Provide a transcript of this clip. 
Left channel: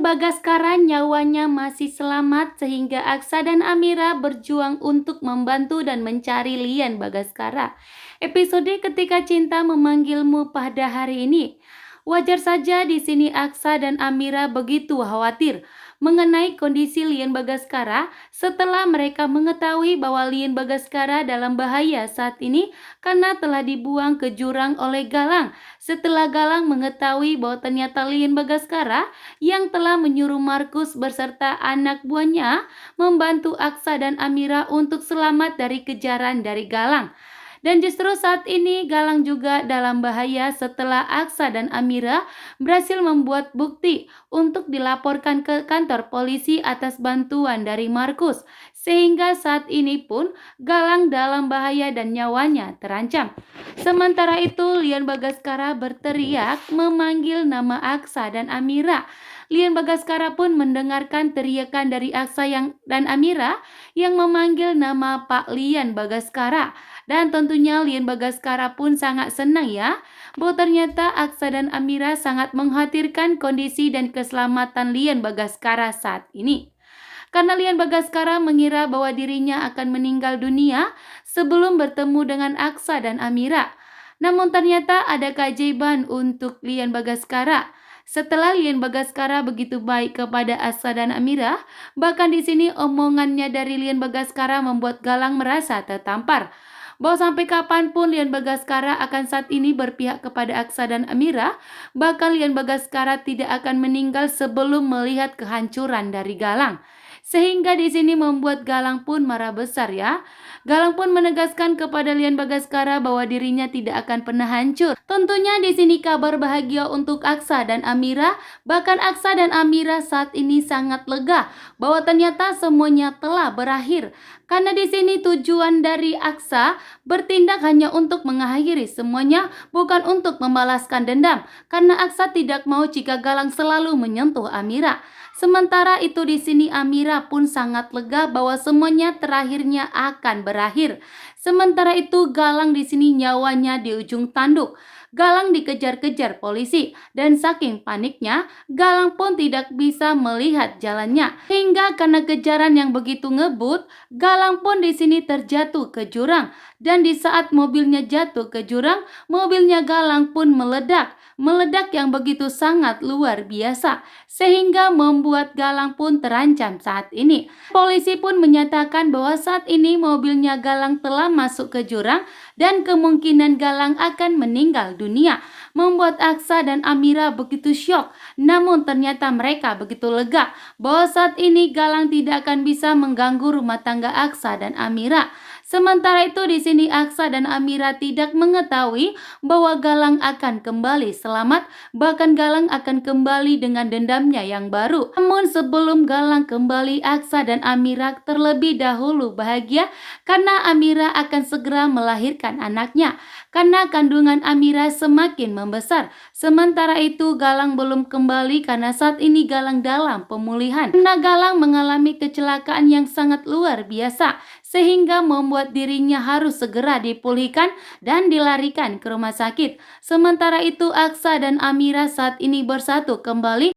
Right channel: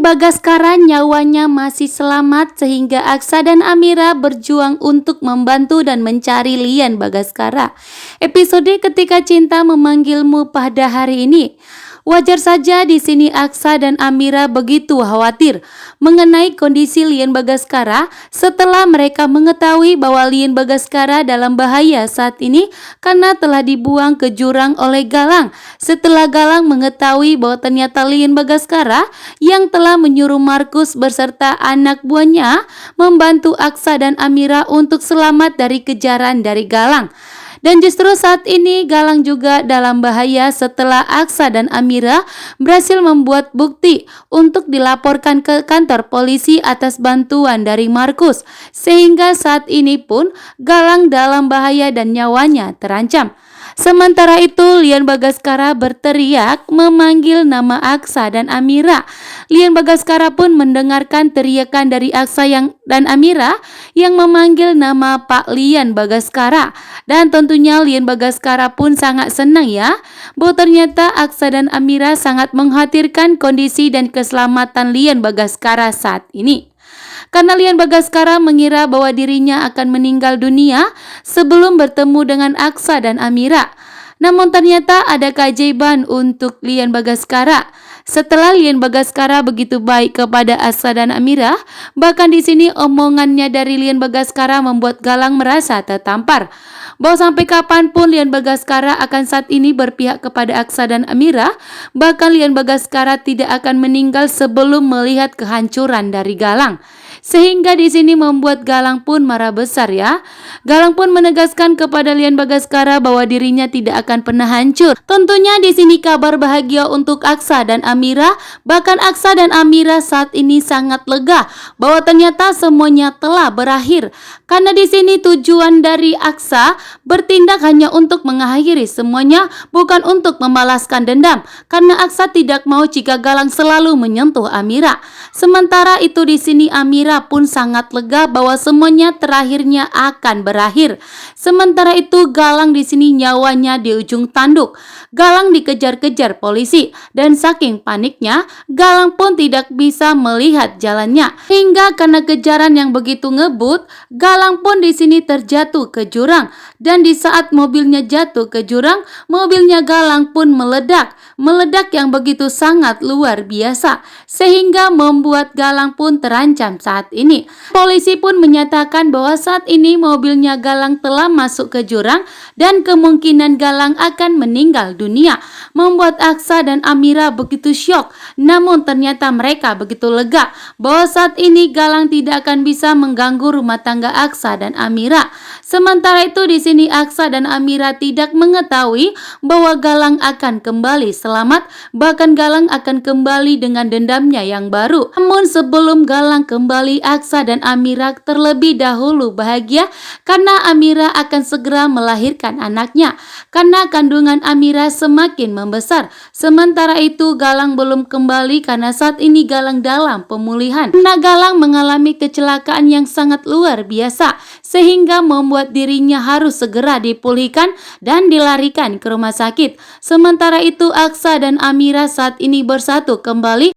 Lian Bagaskara nyawanya masih selamat sehingga Aksa dan Amira berjuang untuk membantu dan mencari Lian Bagaskara. Episode Ketika Cinta Memanggilmu pada hari ini. Wajar saja di sini Aksa dan Amira begitu khawatir mengenai kondisi Lian Bagaskara setelah mereka mengetahui bahwa Lian Bagaskara dalam bahaya saat ini karena telah dibuang ke jurang oleh Galang. Setelah Galang mengetahui bahwa ternyata Lian Bagaskara yang telah menyuruh Markus beserta anak buahnya membantu Aksa dan Amira untuk selamat dari kejaran dari Galang. Dan justru saat ini Galang juga dalam bahaya setelah Aksa dan Amira berhasil membuat bukti untuk dilaporkan ke kantor polisi atas bantuan dari Markus. Sehingga saat ini pun Galang dalam bahaya dan nyawanya terancam. Sementara itu Lian Bagaskara berteriak memanggil nama Aksa dan Amira. Lian Bagaskara pun mendengarkan teriakan dari Aksa dan Amira yang memanggil nama Pak Lian Bagaskara. Dan tentunya Lian Bagaskara pun sangat senang ya, bahwa ternyata Aksa dan Amira sangat mengkhawatirkan kondisi dan keselamatan Lian Bagaskara saat ini. Karena Lian Bagaskara mengira bahwa dirinya akan meninggal dunia sebelum bertemu dengan Aksa dan Amira. Namun ternyata ada keajaiban untuk Lian Bagaskara. Setelah Lian Bagaskara begitu baik kepada Aksa dan Amira, bahkan di sini omongannya dari Lian Bagaskara membuat Galang merasa tertampar. Bahwa sampai kapanpun Lian Bagaskara akan saat ini berpihak kepada Aksa dan Amira, bahkan Lian Bagaskara tidak akan meninggal sebelum melihat kehancuran dari Galang. Sehingga di sini membuat Galang pun marah besar ya. Galang pun menegaskan kepada Lian Bagaskara bahwa dirinya tidak akan pernah hancur. Tentunya di sini kabar bahagia untuk Aksa dan Amira. Bahkan Aksa dan Amira saat ini sangat lega bahwa ternyata semuanya telah berakhir. Karena di sini tujuan dari Aksa bertindak hanya untuk mengakhiri semuanya, bukan untuk membalaskan dendam. Karena Aksa tidak mau jika Galang selalu menyentuh Amira. Sementara itu di sini Amira pun sangat lega bahwa semuanya terakhirnya akan berakhir. Sementara itu Galang di sini nyawanya di ujung tanduk. Galang dikejar-kejar polisi dan saking paniknya Galang pun tidak bisa melihat jalannya. Hingga karena kejaran yang begitu ngebut, Galang pun di sini terjatuh ke jurang. Dan di saat mobilnya jatuh ke jurang, mobilnya Galang pun meledak. Meledak yang begitu sangat luar biasa sehingga membuat Galang pun terancam saat ini. Polisi pun menyatakan bahwa saat ini mobilnya Galang telah masuk ke jurang dan kemungkinan Galang akan meninggal dunia. Membuat Aksa dan Amira begitu syok. Namun ternyata mereka begitu lega bahwa saat ini Galang tidak akan bisa mengganggu rumah tangga Aksa dan Amira. Sementara itu di sini Aksa dan Amira tidak mengetahui bahwa Galang akan kembali selamat, bahkan Galang akan kembali dengan dendamnya yang baru. Namun sebelum Galang kembali, Aksa dan Amira terlebih dahulu bahagia karena Amira akan segera melahirkan anaknya. Karena kandungan Amira semakin membesar. Sementara itu Galang belum kembali karena saat ini Galang dalam pemulihan. Karena Galang mengalami kecelakaan yang sangat luar biasa sehingga membuat dirinya harus segera dipulihkan dan dilarikan ke rumah sakit. Sementara itu Aksa dan Amira saat ini bersatu kembali